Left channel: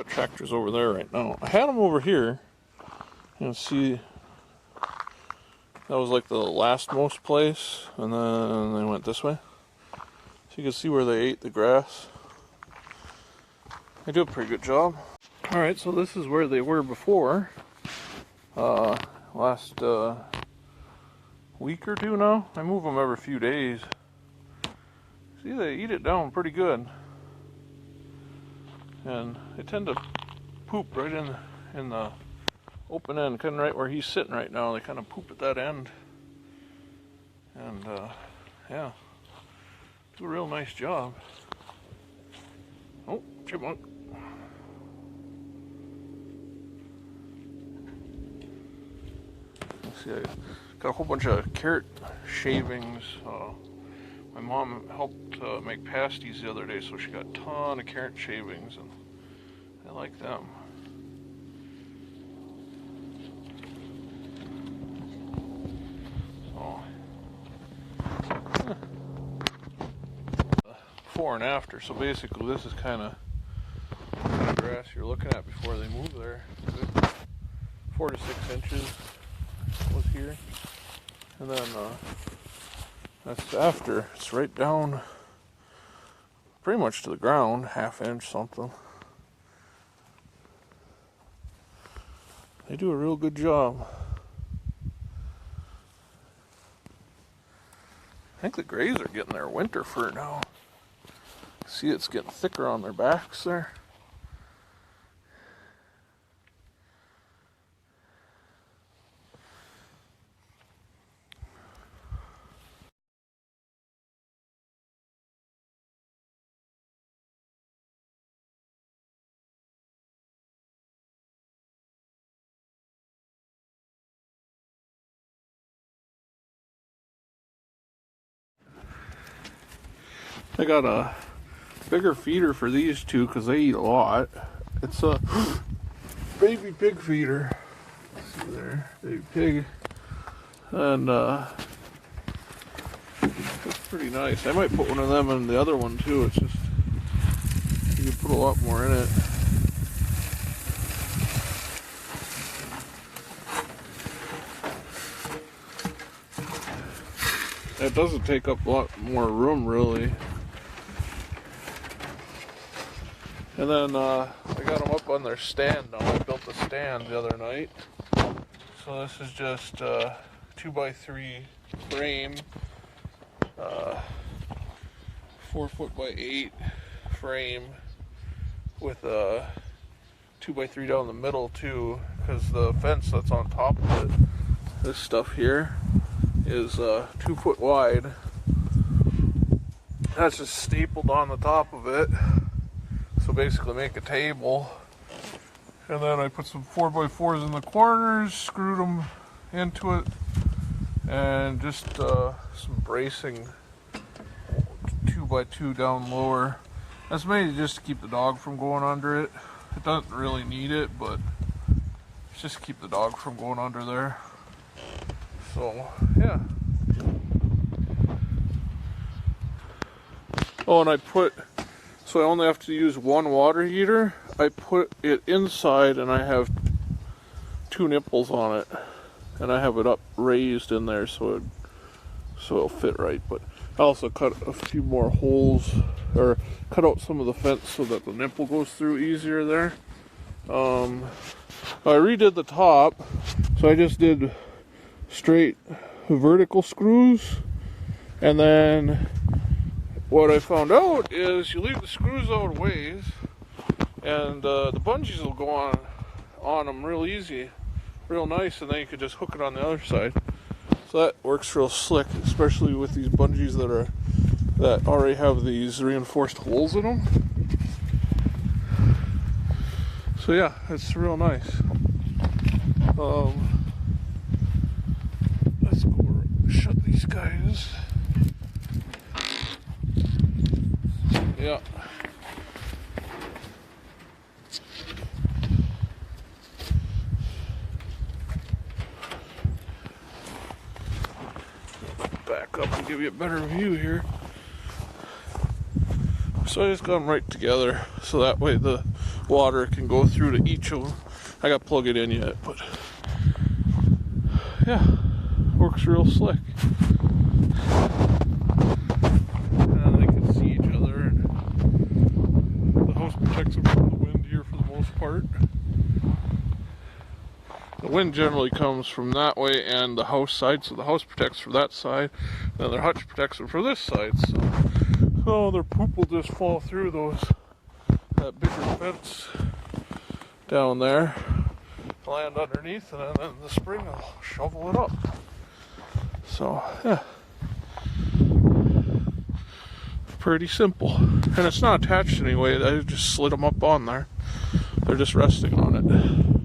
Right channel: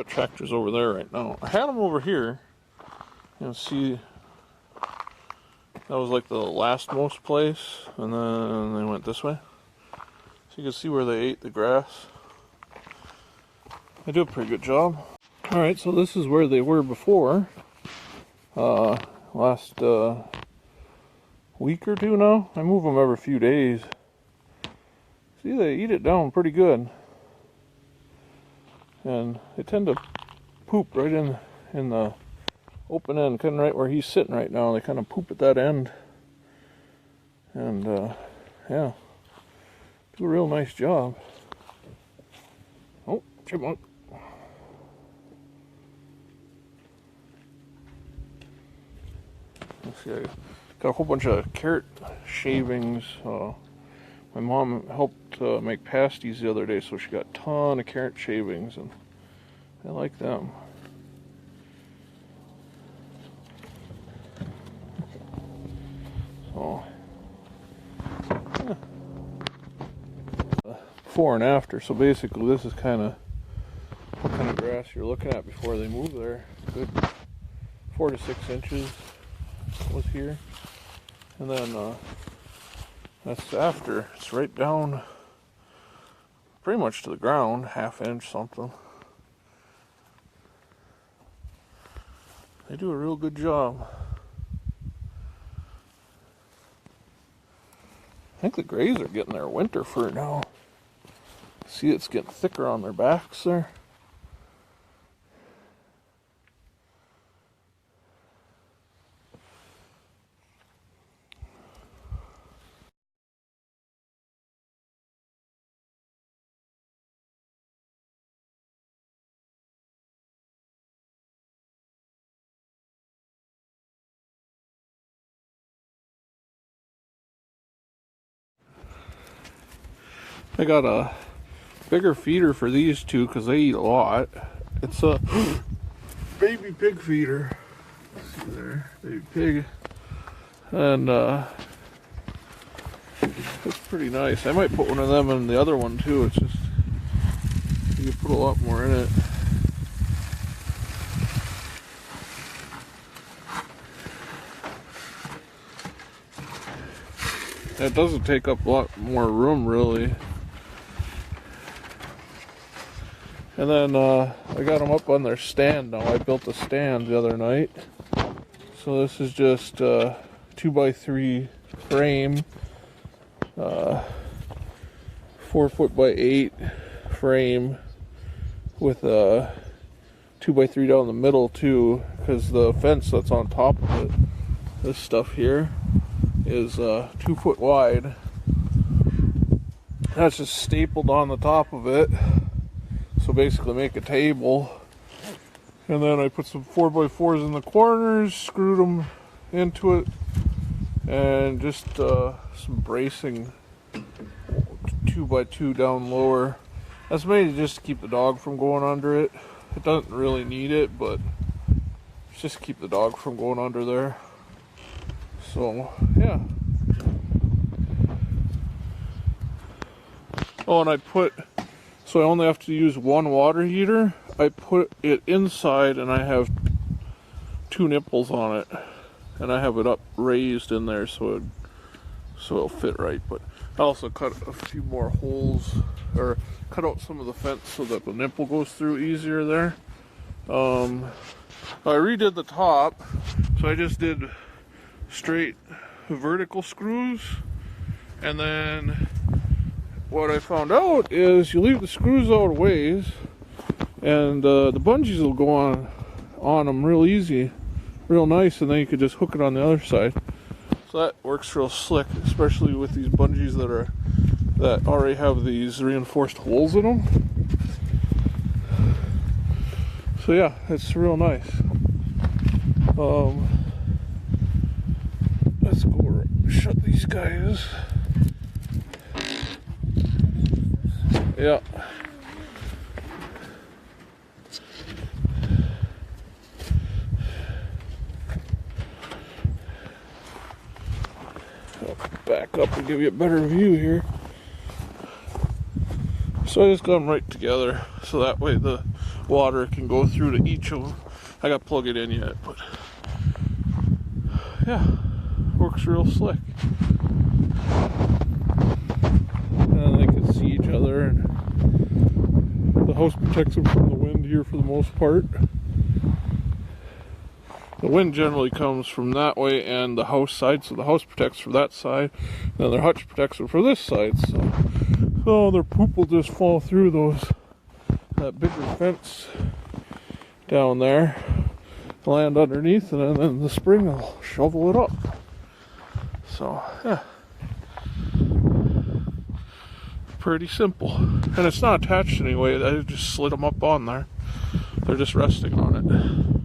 The tractor's over there right now. I had them over here. You can see that was like the last most place, and then they went this way. So you can see where they ate the grass. They do a pretty good job. Alright, so this is where they were before. Last week or two now. I move them every few days. See, they eat it down pretty good. And they tend to poop right in the open end, kind of right where he's sitting right now. They kind of poop at that end. And, yeah. Do a real nice job. Oh, chipmunk. Let's see, I got a whole bunch of carrot shavings. My mom helped make pasties the other day, so she got a ton of carrot shavings, and I like them. So, before and after. So basically, this is kind of what kind of grass you're looking at before they move there. Good 4 to 6 inches was here, and then that's after. It's right down pretty much to the ground, ½ inch something. They do a real good job. I think the grays are getting their winter fur now. See, it's getting thicker on their backs there. I got a bigger feeder for these two because they eat a lot. It's a baby pig feeder. Let's see there, baby pig. And it's pretty nice. I might put one of them in the other one too. It's just, you can put a lot more in it. It doesn't take up a lot more room really. And then I got them up on their stand now. I built a stand the other night. So this is just a 2x3 frame, 4 by 8 frame with a 2x3 down the middle too, because the fence that's on top of it, this stuff here, is 2 foot wide. That's just stapled on the top of it. So basically make a table, and then I put some 4x4s in the corners, screwed them into it, and just some bracing 2x2 down lower. That's mainly just to keep the dog from going under it. It doesn't really need it, but it's just to keep the dog from going under there. So yeah. Oh, and so I only have to use one water heater. I put it inside and I have 2 nipples on it. And I have it up raised in there so it'll fit right. But I also cut a few more holes, or cut out some of the fence so that the nipple goes through easier there. I redid the top, so I just did straight vertical screws, and then what I found out is you leave the screws out a ways, and the bungees will go on them real easy, real nice, and then you could just hook it on the other side. So that works real slick, especially with these bungees that already have these reinforced holes in them. So yeah, it's real nice. Let's go shut these guys. Yeah. Back up and give you a better view here. So I just got them right together, so that way the water can go through to each of them. I got to plug it in yet, but yeah, works real slick. They can see each other, and the house protects them from the wind here for the most part. The wind generally comes from that way and the house side, so the house protects for that side, and their hutch protects them for this side. So their poop will just fall through that bigger fence down there, land underneath, and then the spring will shovel it up. So yeah, pretty simple, and it's not attached anyway. I just slid them up on there. They're just resting on it.